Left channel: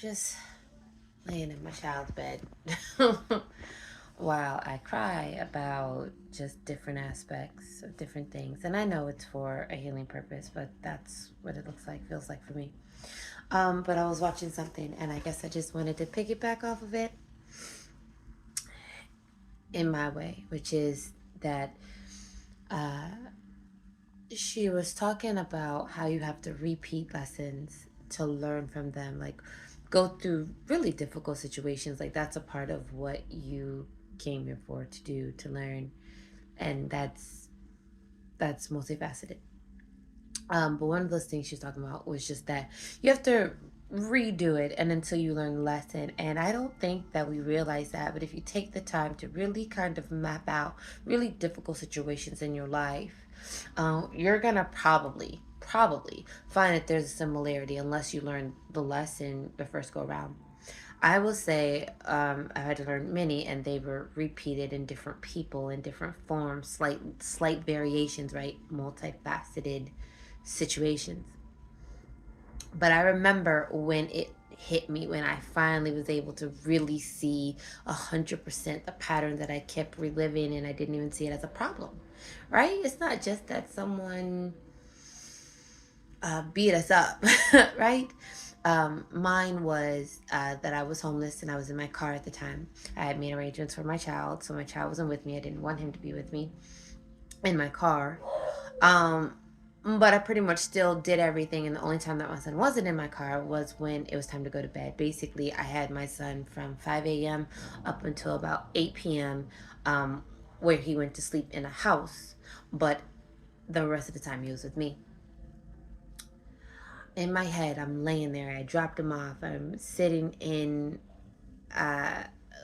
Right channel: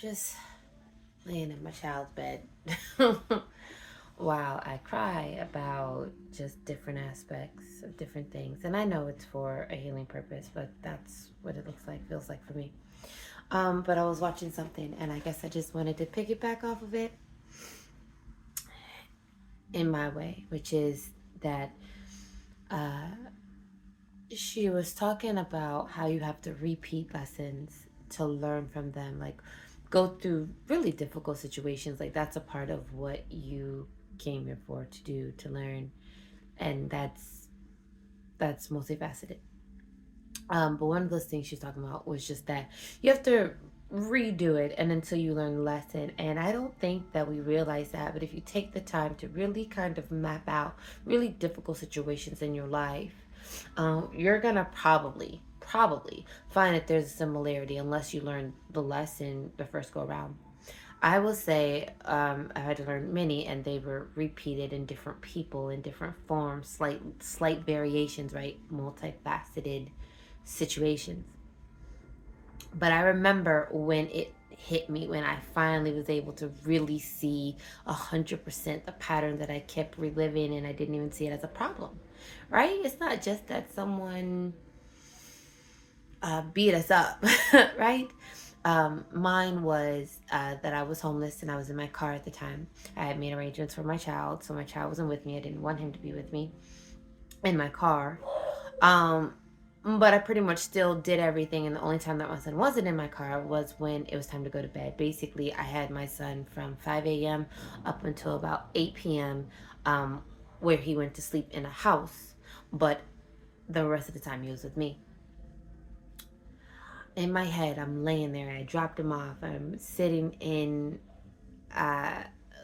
just laying in my child's bed while I cry about just different aspects of different things. And I know it's for a healing purpose, but that's what it looks like, feels like for me. But I was watching something, and I guess I just wanted to piggyback off of it in my way, which is that uh, she was talking about how you have to repeat lessons to learn from them, like go through really difficult situations. Like that's a part of what you came here for to do, to learn, and that's multifaceted. But one of those things she's talking about was just that you have to redo it and until you learn the lesson. And I don't think that we realize that, but if you take the time to really kind of map out really difficult situations in your life, you're gonna probably find that there's a similarity unless you learn the lesson the first go around. I will say I had to learn many, and they were repeated in different people in different forms, slight variations, right? Multifaceted situations. But I remember when it hit me, when I finally was able to really see 100% the pattern that I kept reliving, and I didn't even see it as a problem, right? It's not just that someone beat us up, right? Mine was that I was homeless and I was in my car at the time. I had made arrangements for my child, so my child wasn't with me. I didn't want him to be with me in my car. Um, but I pretty much still did everything, and the only time that my son wasn't in my car was when it was time to go to bed. Basically, I had my son from 5 a.m. up until about 8 p.m., where he went to sleep in a house, but the rest of the time he was with me. In my head, I'm laying there. I dropped him off. I'm sitting in, uh,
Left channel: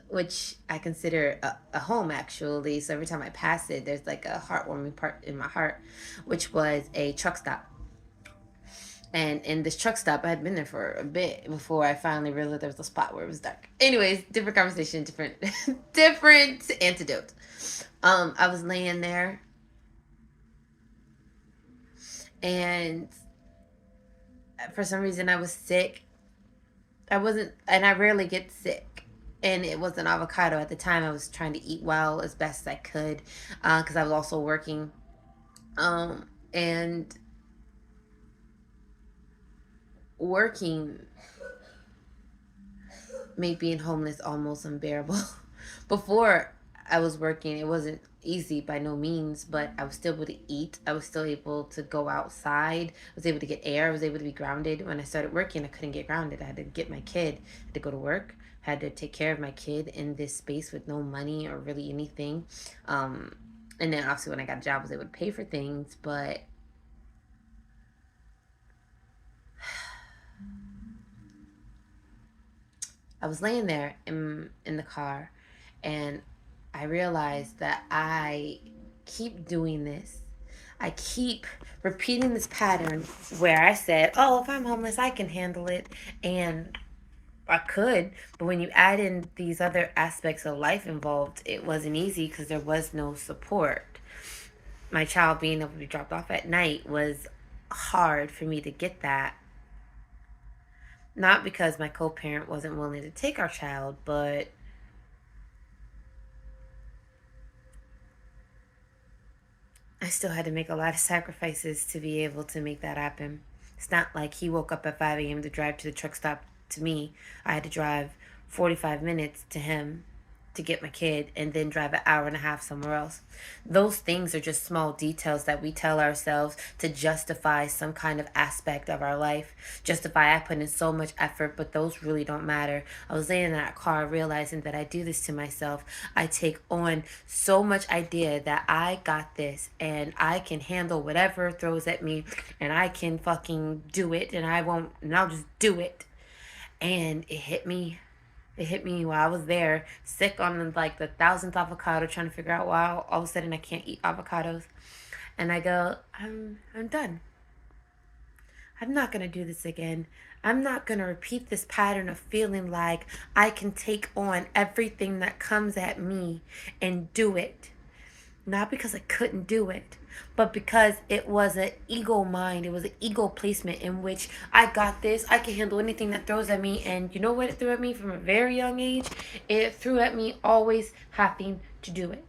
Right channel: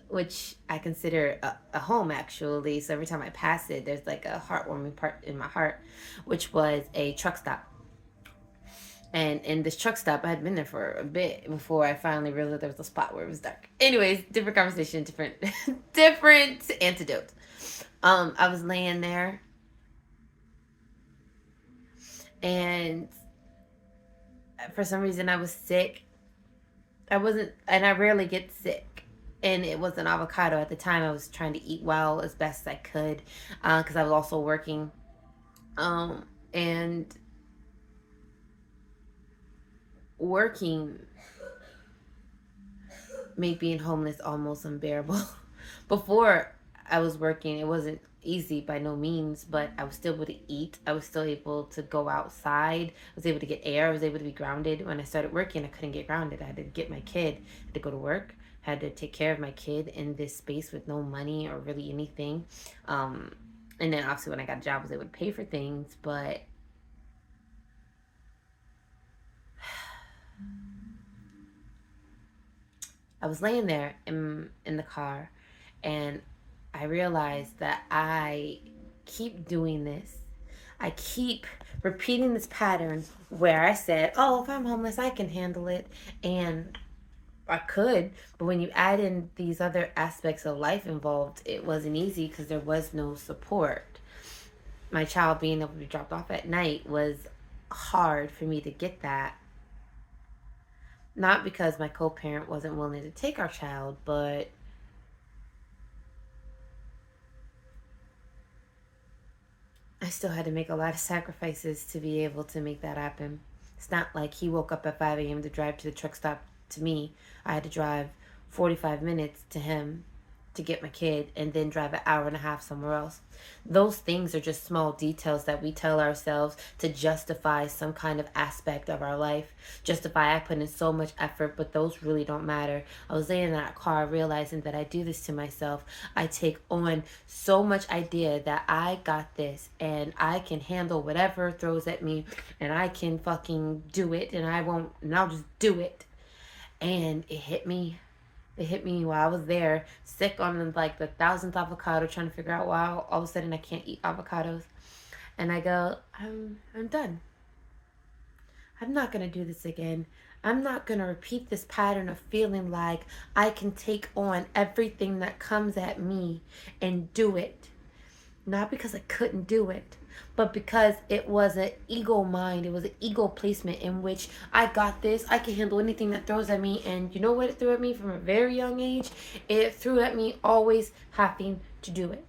which I consider a home actually. So every time I pass it, there's like a heartwarming part in my heart, which was a truck stop. And in this truck stop, I had been there for a bit before I finally realized there was a spot where it was dark. Anyways, different conversation, different, different antidote. I was laying there, and for some reason I was sick. I wasn't, and I rarely get sick. And it was an avocado at the time. I was trying to eat well as best as I could because I was also working. And working made being homeless almost unbearable. Before I was working, it wasn't easy by no means, but I was still able to eat. I was still able to go outside. I was able to get air. I was able to be grounded. When I started working, I couldn't get grounded. I had to get my kid to go to work. I had to take care of my kid in this space with no money or really anything. And then obviously when I got a job, I was able to pay for things, but I was laying there in the car, and I realized that I keep doing this. I keep repeating this pattern where I said, "Oh, if I'm homeless, I can handle it." And I could, but when you add in these other aspects of life involved, it wasn't easy because there was no support. My child being able to be dropped off at night was hard for me to get that. Not because my co parent wasn't willing to take our child, but I still had to make a lot of sacrifices to be able to make that happen. It's not like he woke up at 5 a.m. to drive to the truck stop to me. I had to drive 45 minutes to him to get my kid and then drive an hour and a half somewhere else. Those things are just small details that we tell ourselves to justify some kind of aspect of our life. Justify I put in so much effort, but those really don't matter. I was laying in that car realizing that I do this to myself. I take on so much idea that I got this and I can handle whatever throws at me and I can fucking do it and I won't and I'll just do it. And it hit me. It hit me while I was there, sick on like the thousandth avocado, trying to figure out why all of a sudden I can't eat avocados. And I go, I'm done. I'm not gonna do this again. I'm not gonna repeat this pattern of feeling like I can take on everything that comes at me and do it. Not because I couldn't do it, but because it was an ego mind, it was an ego placement in which I got this, I can handle anything that throws at me. And you know what it threw at me from a very young age? It threw at me always having to do it.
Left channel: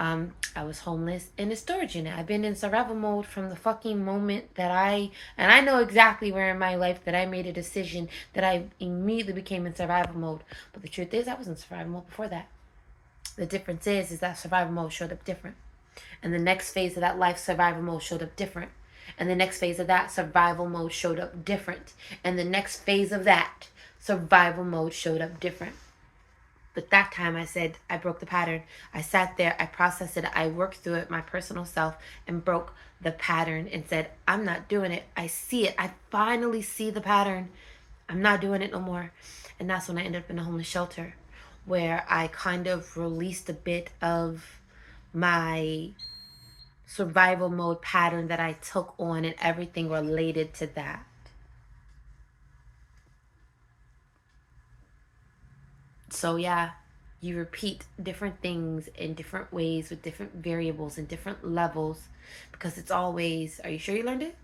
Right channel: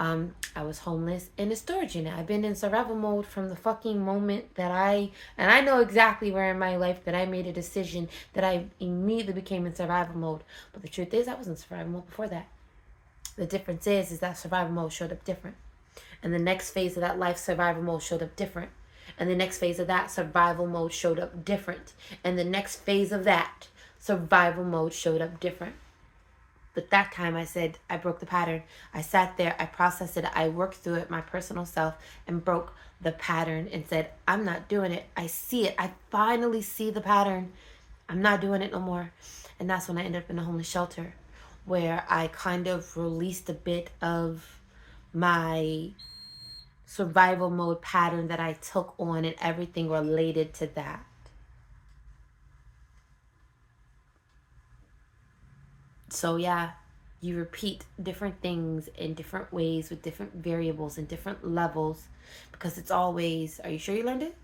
I was homeless in a storage unit. I've been in survival mode from the fucking moment that and I know exactly where in my life that I made a decision that I immediately became in survival mode. But the truth is, I was in survival mode before that. The difference is that survival mode showed up different. And the next phase of that life, survival mode showed up different. And the next phase of that, survival mode showed up different. And the next phase of that, survival mode showed up different. But that time I said, I broke the pattern. I sat there, I processed it, I worked through it, my personal self, and broke the pattern and said, I'm not doing it. I see it. I finally see the pattern. I'm not doing it no more. And that's when I ended up in a homeless shelter, where I kind of released a bit of my survival mode pattern that I took on and everything related to that. So yeah, you repeat different things in different ways with different variables and different levels, because it's always, are you sure you learned it?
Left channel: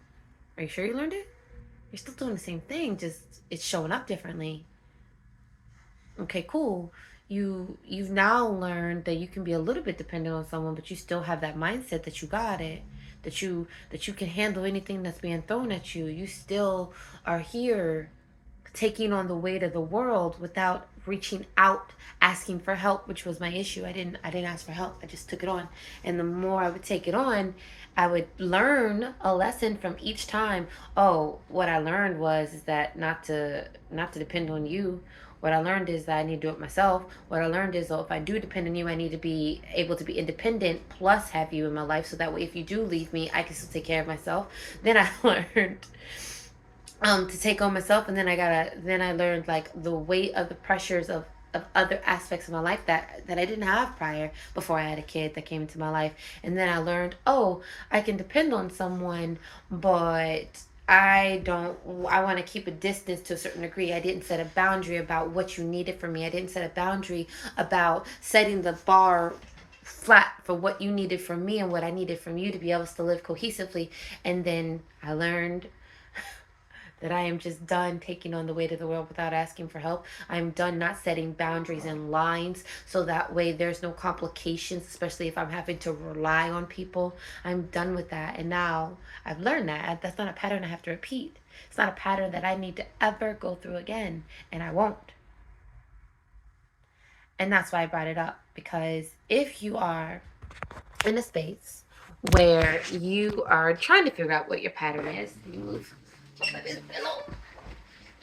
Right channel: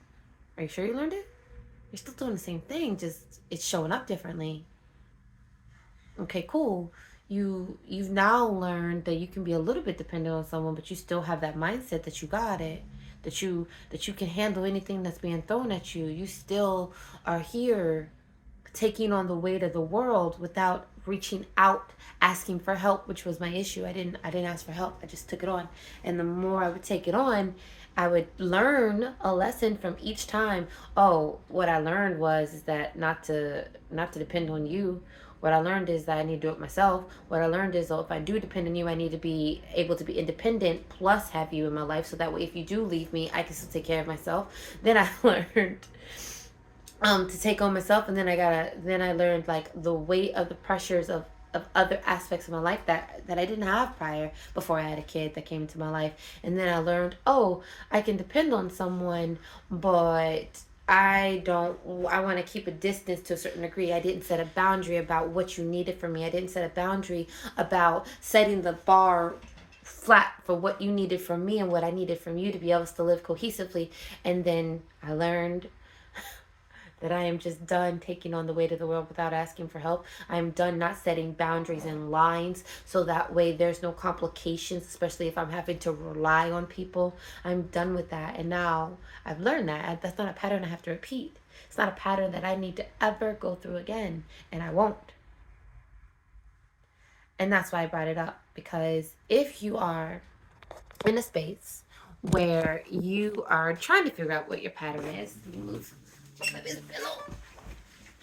Are you sure you learned it? You're still doing the same thing, just it's showing up differently. Okay, cool. You've now learned that you can be a little bit dependent on someone, but you still have that mindset that you got it, that you can handle anything that's being thrown at you. You still are here taking on the weight of the world without reaching out, asking for help, which was my issue. I didn't ask for help. I just took it on. And the more I would take it on, I would learn a lesson from each time. Oh, what I learned is that not to depend on you. What I learned is that I need to do it myself. What I learned is, if I do depend on you, I need to be able to be independent plus have you in my life, so that way if you do leave me, I can still take care of myself. Then I learned to take on myself, and then I learned like the weight of the pressures of other aspects of my life that I didn't have prior, before I had a kid that came into my life. And then I learned, oh, I can depend on someone, but I want to keep a distance to a certain degree. I didn't set a boundary about what you needed from me. I didn't set a boundary about setting the bar flat for what you needed from me and what I needed from you to be able to live cohesively. And then I learned that I am just done taking on the weight of the world without asking for help. I'm done not setting boundaries and lines, so that way there's no complications, especially if I'm having to rely on people. I'm done with that. And now I've learned that that's not a pattern I have to repeat. It's not a pattern that I need to ever go through again, and I won't. And that's why I brought it up, because if you are in a space where you are trying to figure out what your pattern is,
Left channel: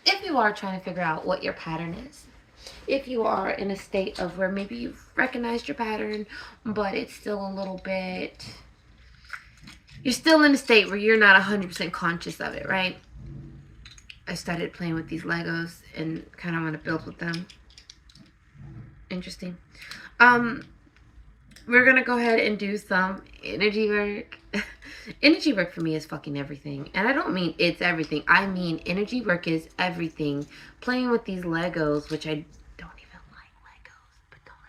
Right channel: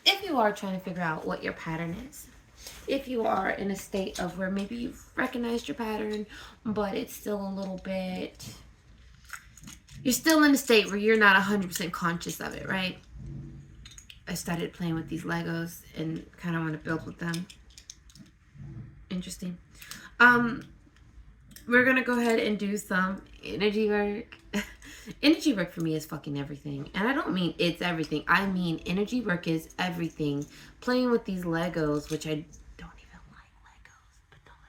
if you are trying to figure out what your pattern is, if you are in a state of where maybe you've recognized your pattern, but it's still a little bit, you're still in a state where you're not 100% conscious of it, right? I started playing with these Legos and kind of want to build with them. Interesting. We're gonna go ahead and do some energy work. Energy work for me is fucking everything. And I don't mean it's everything. I mean energy work is everything. Playing with these Legos, which I don't even like Legos, but don't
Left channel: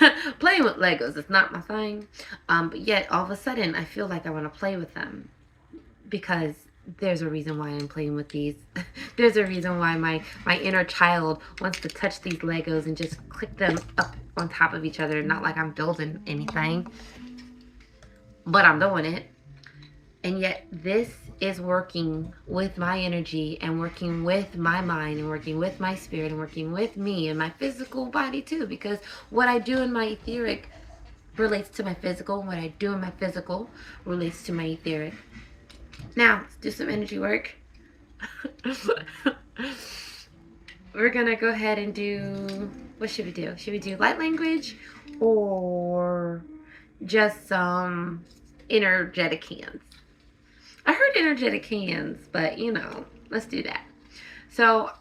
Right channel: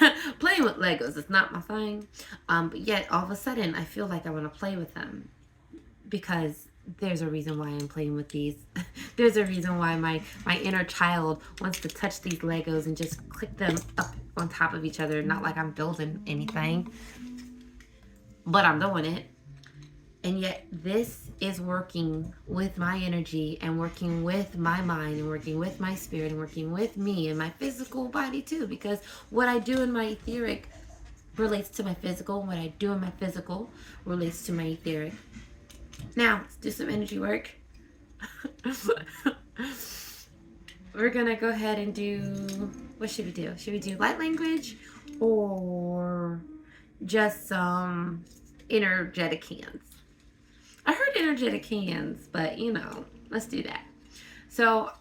let it go. Playing with Legos is not my thing. But yet all of a sudden I feel like I want to play with them, because there's a reason why I'm playing with these. There's a reason why my inner child wants to touch these Legos and just click them up on top of each other. Not like I'm building anything, but I'm doing it. And yet this is working with my energy and working with my mind and working with my spirit and working with me and my physical body too, because what I do in my etheric relates to my physical, and what I do in my physical relates to my etheric. Now, let's do some energy work. We're gonna go ahead and do, what should we do? Should we do light language or just some energetic hands? I heard energetic hands, but let's do that. So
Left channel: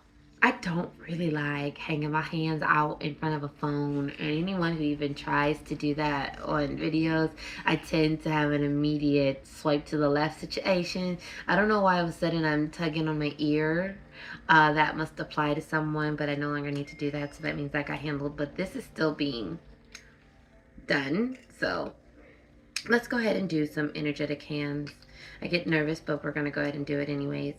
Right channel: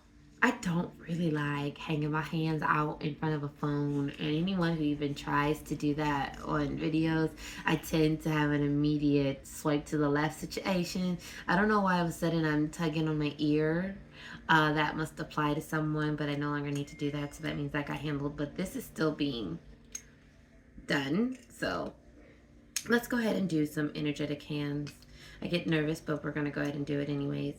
I don't really like hanging my hands out in front of a phone, and anyone who even tries to do that on videos, I tend to have an immediate swipe to the left situation. I don't know why all of a sudden I'm tugging on my ear. That must apply to someone, but I no longer need to do that, so that means that got handled. But this is still being done, so Let's go ahead and do some energetic hands. I get nervous, but we're going to go ahead and do it anyways.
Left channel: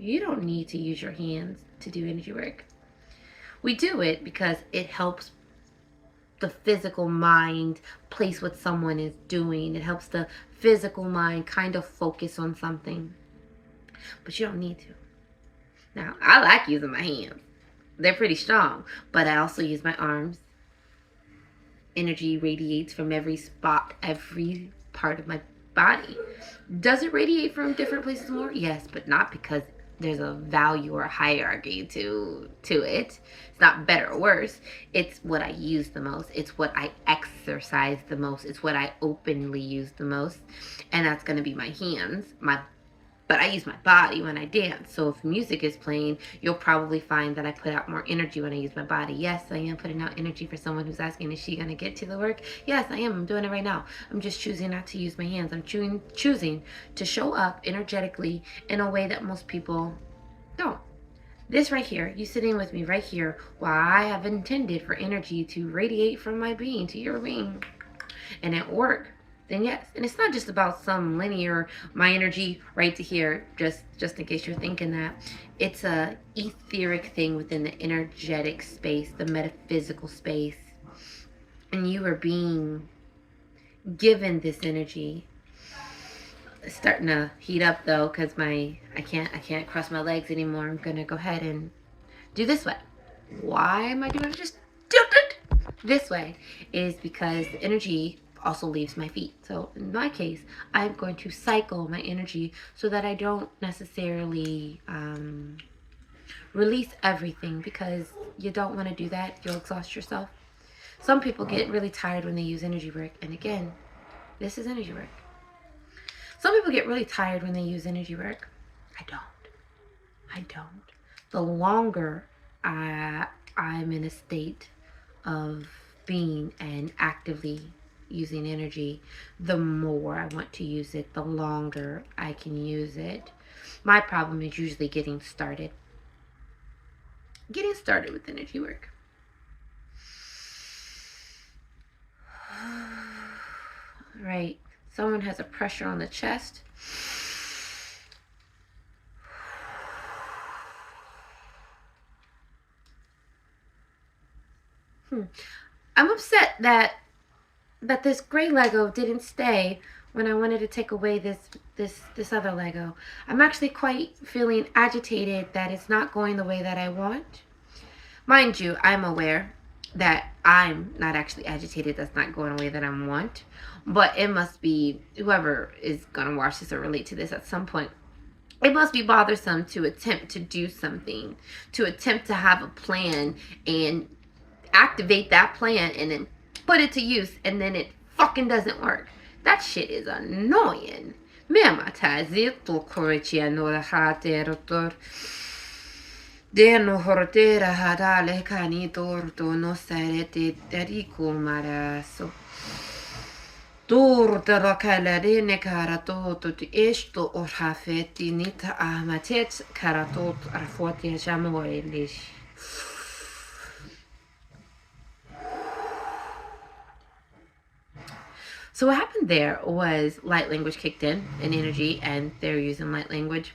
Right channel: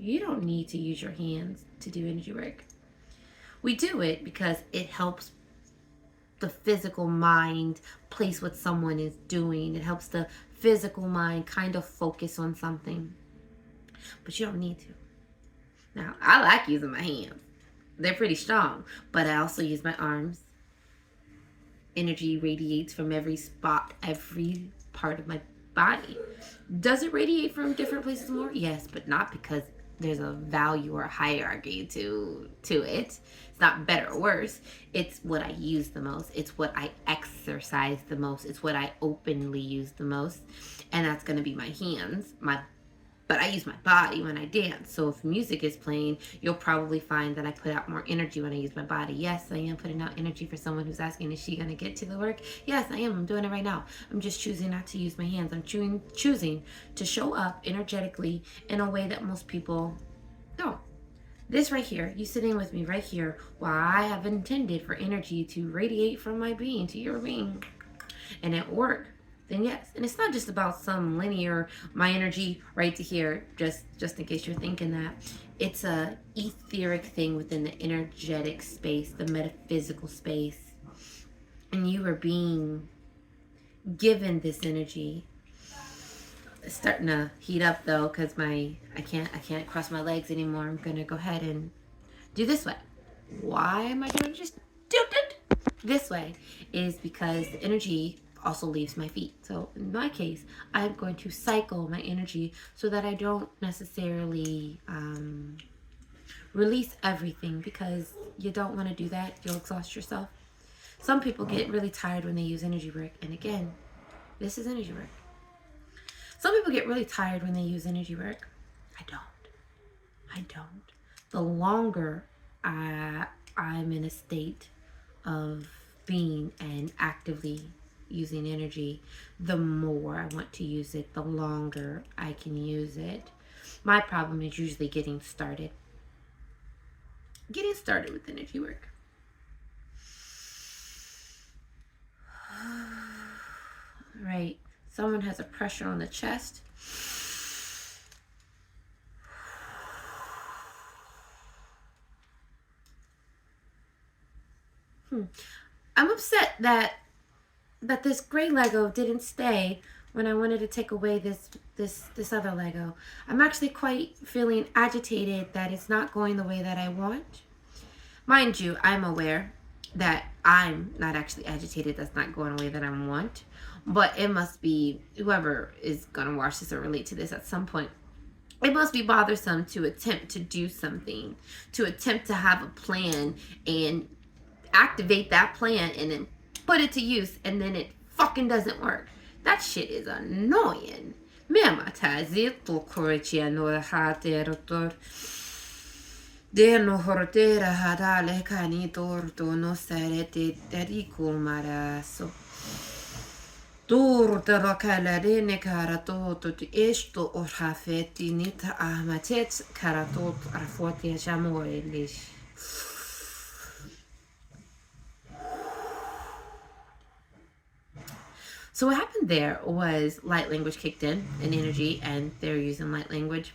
You don't need to use your hands to do energy work. We do it because it helps the physical mind place what someone is doing. It helps the physical mind kind of focus on something. But you don't need to. Now, I like using my hands. They're pretty strong, but I also use my arms. Energy radiates from every spot, every part of my body. Does it radiate from different places more? Yes, but not because there's a value or a hierarchy to it. It's not better or worse. It's what I use the most. It's what I exercise the most. It's what I openly use the most. And that's going to be my hands, but I use my body when I dance. So if music is playing, you'll probably find that I put out more energy when I use my body. Yes, I am putting out energy for someone who's asking, is she going to get to the work? Yes, I am. I'm doing it right now. I'm just choosing not to use my hands. I'm choosing to show up energetically in a way that most people don't. This right here, you sitting with me right here, while I have intended for energy to radiate from my being to your being. And at work, then yes. And it's not just about some linear, my energy right to here, just in case you're thinking that. It's a etheric thing within the energetic space, the metaphysical space. And you are being given this energy. It's starting to heat up though, because I can't cross my legs anymore. I'm gonna go ahead and do this way. Why am I gonna just do it this way? Is because the energy also leaves my feet. So in my case, I'm going to cycle my energy so that I don't necessarily release everything, because you don't want to do that. You'll exhaust yourself. Some people get really tired when they use energy work. And again, this is energy work. Some people get really tired when they use energy work. I don't. The longer I'm in a state of being and actively using energy, the more I want to use it, the longer I can use it. My problem is usually getting started with energy work. Right. Someone has a pressure on the chest. I'm upset that this gray Lego didn't stay when I wanted to take away this other Lego. I'm actually quite feeling agitated that it's not going the way that I want. Mind you, I'm aware that I'm not actually agitated that's not going the way that I want. But it must be whoever is going to watch this or relate to this at some point. It must be bothersome to attempt to do something, to attempt to have a plan and activate that plan and then put it to use, and then it fucking doesn't work. That shit is annoying. Deno hortera hadale cani torto no sarete derico maraso. Torta rakalarene karatot esto or hafeti nita ahmatet karatot arfotia jamoelish. So what happened there was light language kicked in energy, and they're using light language.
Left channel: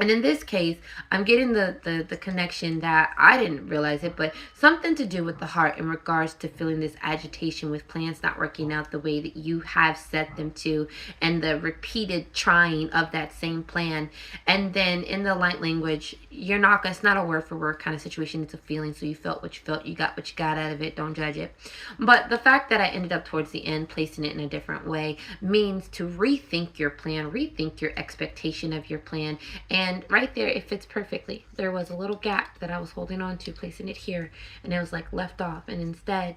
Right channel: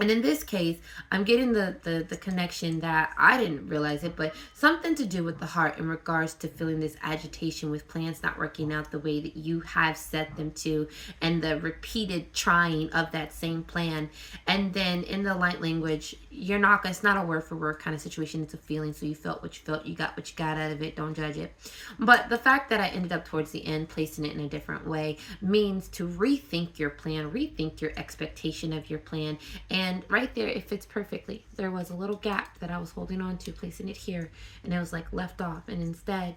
And in this case, I'm getting the connection that I didn't realize it, but something to do with the heart in regards to feeling this agitation with plans not working out the way that you have set them to, and the repeated trying of that same plan. And then in the light language, it's not a word for word kind of situation. It's a feeling. So you felt what you felt, you got what you got out of it. Don't judge it. But the fact that I ended up towards the end placing it in a different way means to rethink your plan, rethink your expectation of your plan. And right there, it fits perfectly. There was a little gap that I was holding on to, placing it here, and it was like left off. And instead,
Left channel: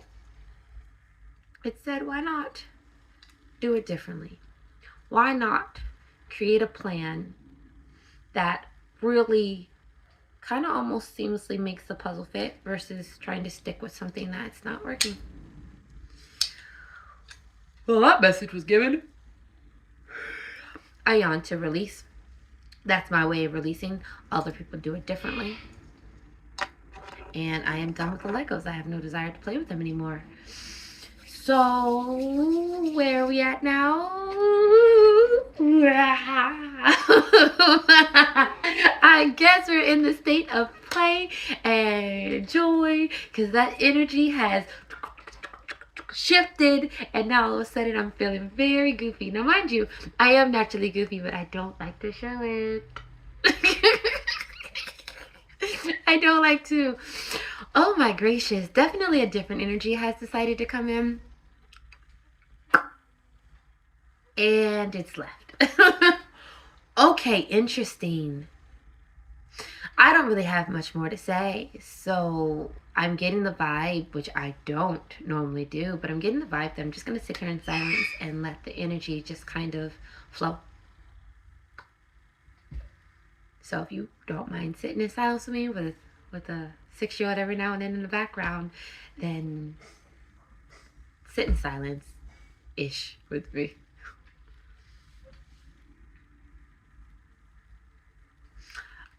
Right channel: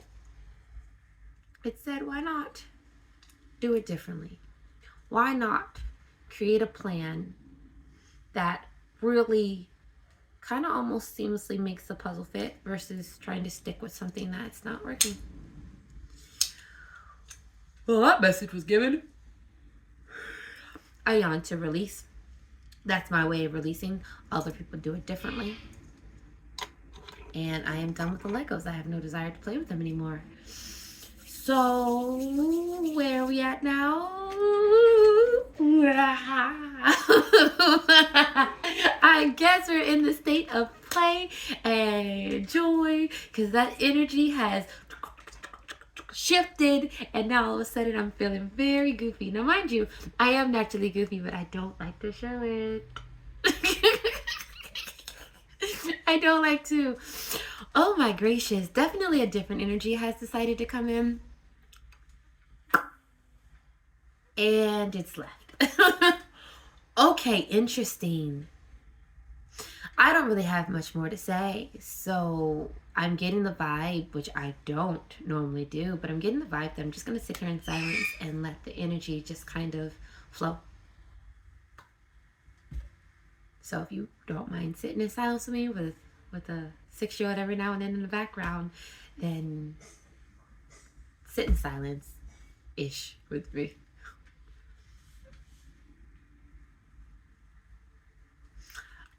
it said, why not do it differently? Why not create a plan that really kind of almost seamlessly makes the puzzle fit versus trying to stick with something that's not working? Well, that message was given. I yawn to release. That's my way of releasing. Other people do it differently. and I am done with the Legos. I have no desire to play with them anymore. So, where are we at now? I guess we're in the state of play and joy because that energy has shifted, and now all of a sudden I'm feeling very goofy. Now, mind you, I am naturally goofy, but I don't like to show it. I don't like to. Oh my gracious, definitely a different energy has decided to come in. And it's left. Okay, interesting. I don't really have much more to say. So I'm getting the vibe, which I don't normally do, but I'm getting the vibe that I'm just going to sit here in silence and let the energy just kind of flow. So if you don't mind sitting in silence with me with a 6-year-old every now and then in the background, then sit in silence-ish with me.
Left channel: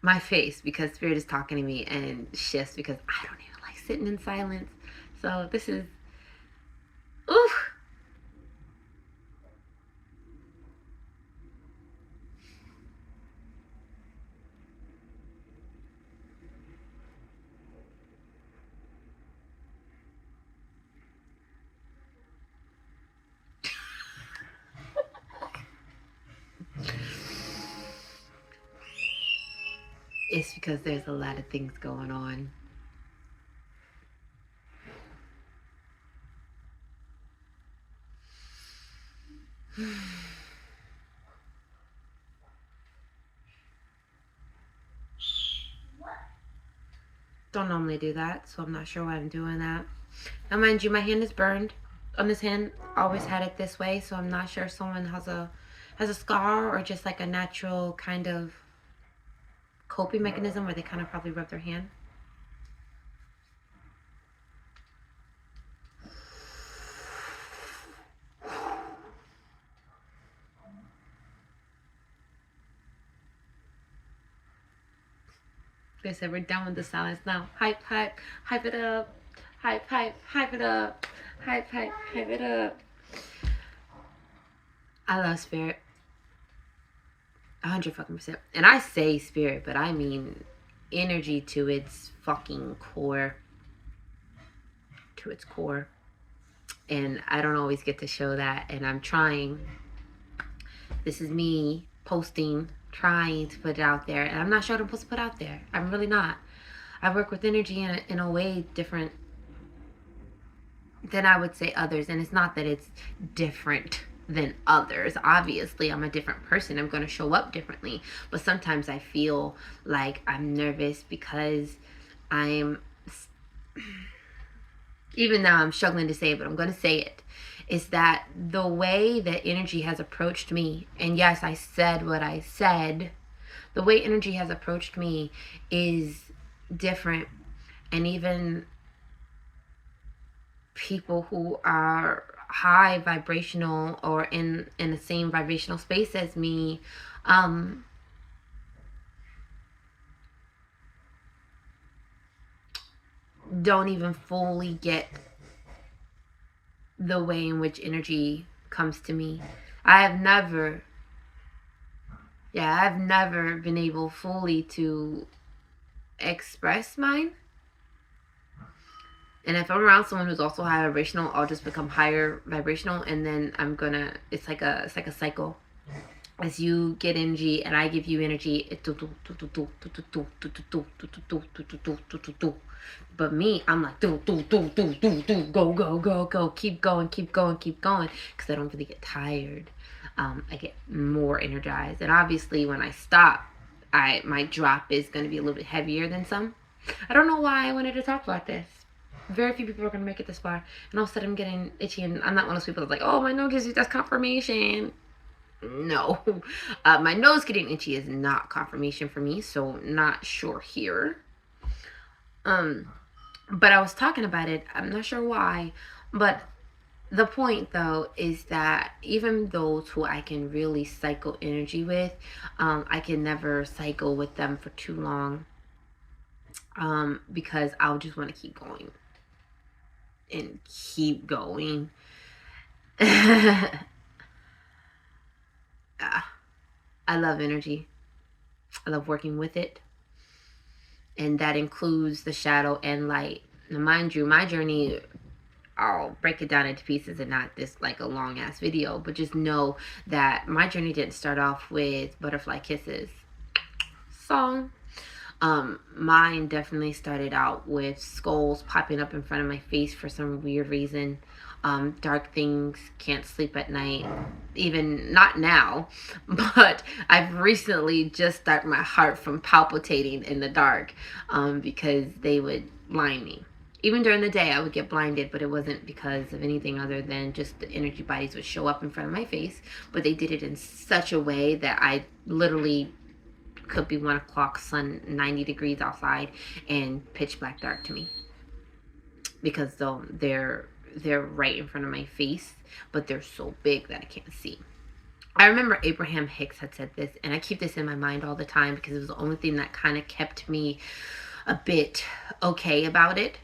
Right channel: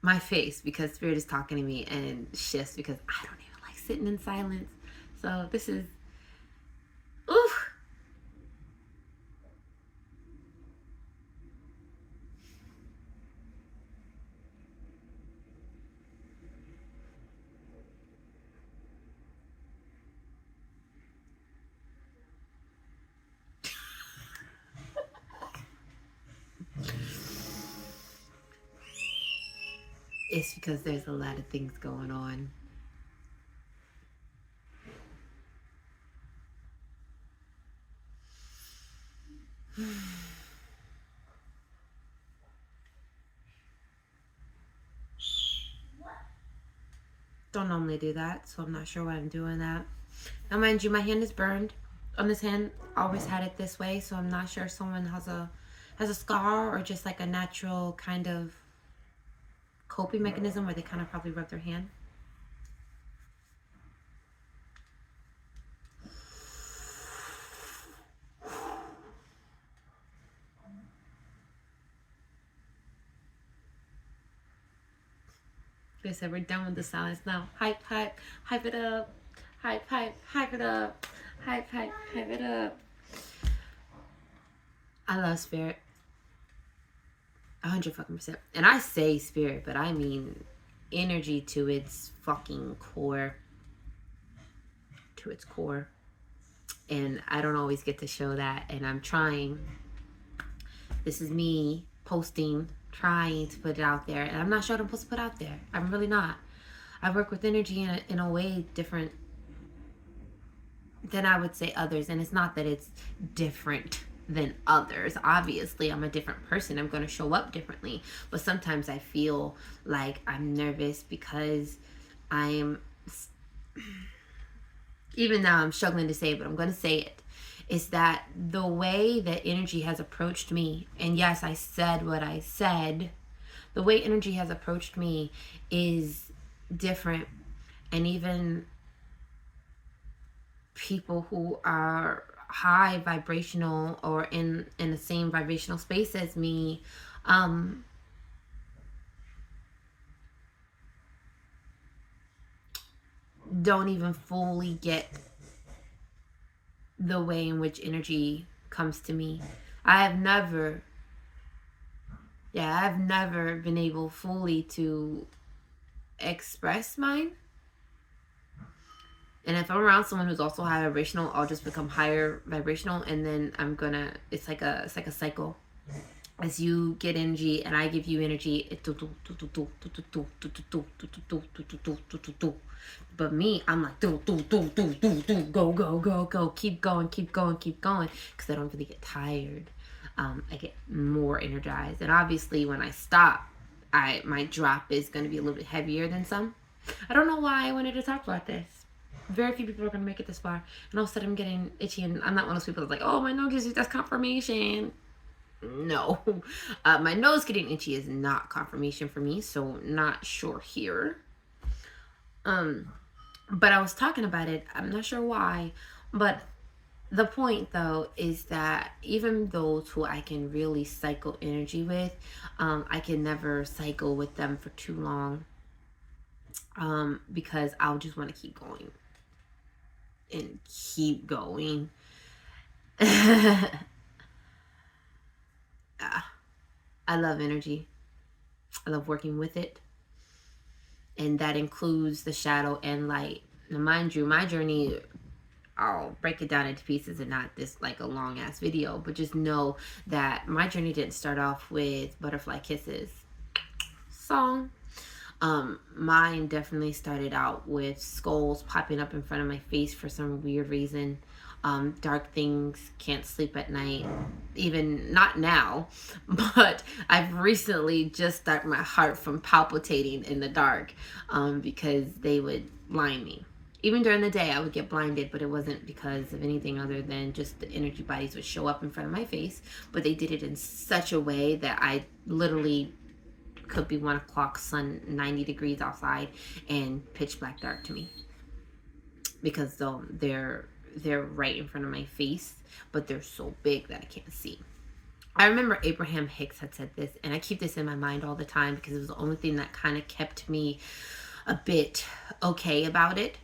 My face, because Spirit is talking to me, and shifts because I don't even like sitting in silence. So this is, oof. It's because there's a lot of things going on. Don't normally do that, so I'm not sure why I'm doing that. Now, mind you, my hand is burned. On this hand, always had it this way, so I'm not sure if someone has a scar or just like a natural kind of coping mechanism where they kind of probably rub their hand. They said we're done with the silence now. Hype, hype, hype it up. Hype, hype, hype it up. Hype, hype, hype it up. I love Spirit. 100%. And I say Spirit, but I mean energy to its fucking core. To its core. And I don't always get to show that, and I'm trying. This is me posting, trying to put it out there, and I'm not sure what I'm supposed to put out there. I'm really not. I work with energy in a way different than I would say others, and it's not that it's different than others. Obviously, I'm a different person. I'm going to show up differently, but sometimes I feel like I'm nervous because I'm, even now I'm struggling to say it, but I'm going to say it, is that the way that energy has approached me, and yes, I said what I said, the way energy has approached me is different. And even people who are high vibrational or in the same vibrational space as me, don't even fully get the way in which energy comes to me. I've never been able fully to express mine. And if I'm around someone who's also high vibrational, I'll just become higher vibrational, and then it's like a cycle. As you get energy and I give you energy, but me, I'm like go, keep going, because I don't really get tired. I get more energized, and obviously when I stop, my drop is going to be a little bit heavier than some. I don't know why I wanted to talk about this. Very few people are going to make it this far, and all of a sudden I'm getting itchy, and I'm not one of those people that's like, oh, my nose is, that's confirmation. No. My nose getting itchy is not confirmation for me, so not sure here. But I was talking about it, I'm not sure why, but the point though is that even those who I can really cycle energy with, I can never cycle with them for too long. because I'll just want to keep going and keep going. Yeah, I love energy. I love working with it. And that includes the shadow and light. Now, mind you, my journey, I'll break it down into pieces and not this like a long ass video, but just know that my journey didn't start off with Butterfly Kisses song. Mine definitely started out with skulls popping up in front of my face for some weird reason. Dark things, can't sleep at night, even not now, but I've recently just stopped my heart from palpitating in the dark, because they would blind me. Even during the day, I would get blinded, but it wasn't because of anything other than just the energy bodies would show up in front of my face. But they did it in such a way that I literally could be 1 o'clock, sun 90 degrees outside, and pitch black dark to me, because though they're right in front of my face, but they're so big that I can't see. I remember Abraham Hicks had said this, and I keep this in my mind all the time because it was the only thing that kind of kept me a bit okay about it.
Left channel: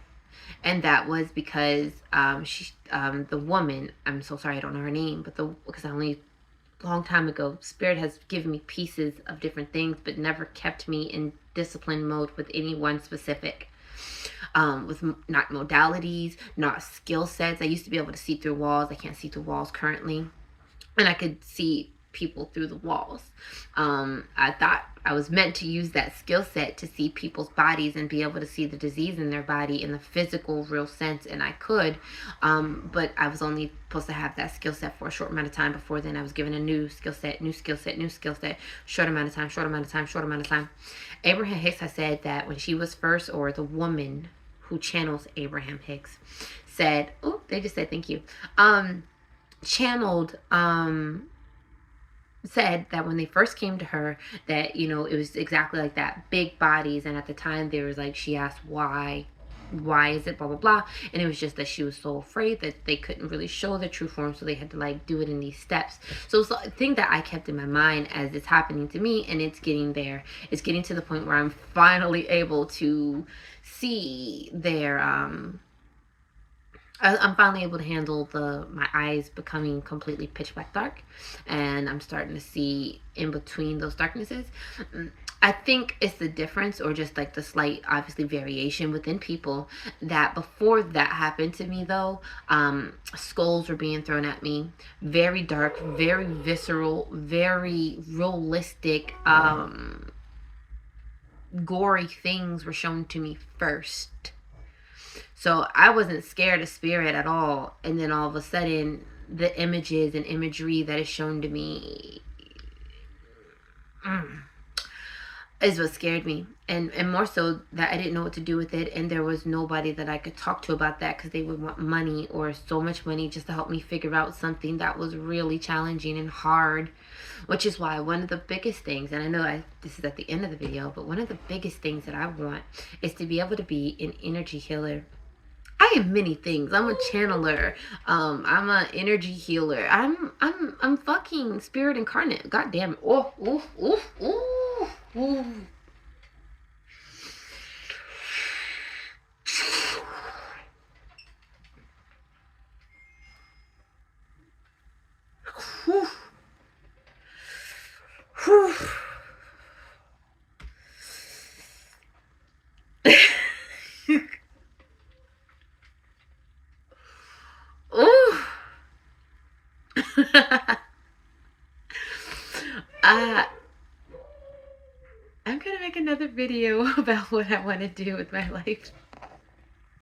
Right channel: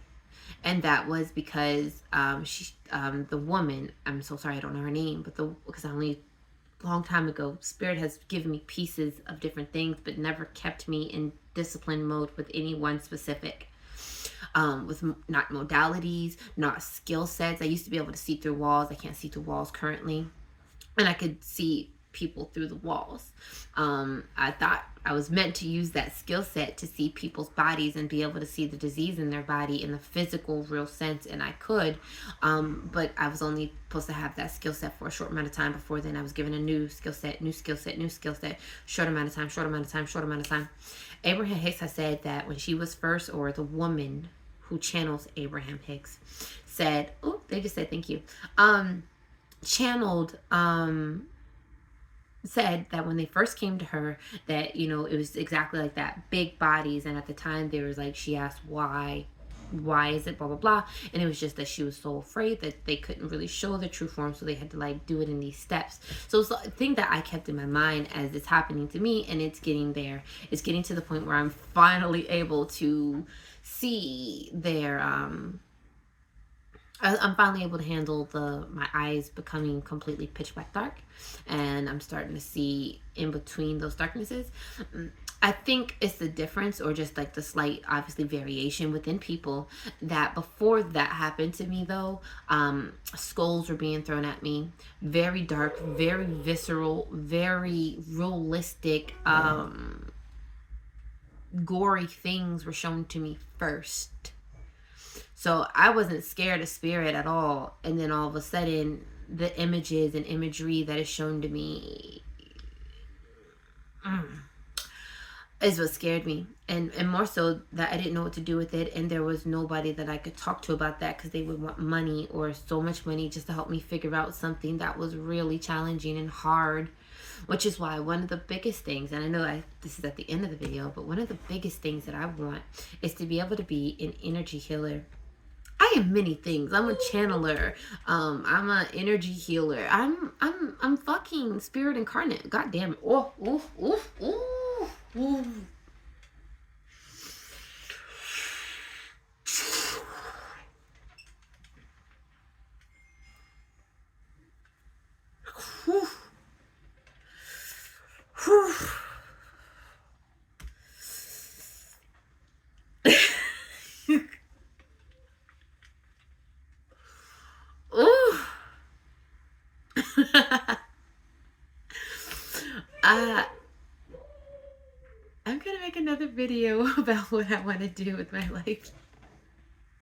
And that was because the woman, I'm so sorry I don't know her name, but because I only long time ago, Spirit has given me pieces of different things, but never kept me in discipline mode with any one specific. With not modalities, not skill sets. I used to be able to see through walls. I can't see through walls currently. And I could see people through the walls. I thought I was meant to use that skill set to see people's bodies and be able to see the disease in their body in the physical, real sense, and I could. But I was only supposed to have that skill set for a short amount of time. Before then, I was given a new skill set, short amount of time. Abraham Hicks has said that when she was first, or the woman who channels Abraham Hicks said, oh, they just said thank you. Channeled, said that when they first came to her, that, you know, it was exactly like that, big bodies. And at the time there was like, she asked why is it blah blah blah, and it was just that she was so afraid that they couldn't really show the true form, so they had to like do it in these steps. So it's a thing that I kept in my mind as it's happening to me, and it's getting there. It's getting to the point where I'm finally able to see their I'm finally able to handle my eyes becoming completely pitch black dark, and I'm starting to see in between those darknesses. I think it's the difference, or just like the slight, obviously, variation within people, that before that happened to me, though, skulls were being thrown at me. Very dark, very visceral, very realistic, gory things were shown to me first. So I wasn't scared of Spirit at all. And then all of a sudden, the images and imagery that is shown to me is what scared me. And more so that I didn't know what to do with it. And there was nobody that I could talk to about that, because they would want money, or so much money, just to help me figure out something that was really challenging and hard. Which is why one of the biggest things, and I know this is at the end of the video, but one of the biggest things that I want is to be able to be an energy healer. I am many things. I'm a channeler. I'm an energy healer. I'm fucking spirit incarnate. God damn it. Oh, oh, oh, oh, oh. Whew. Whew. Ooh. I'm gonna make another video about what I want to do with my life.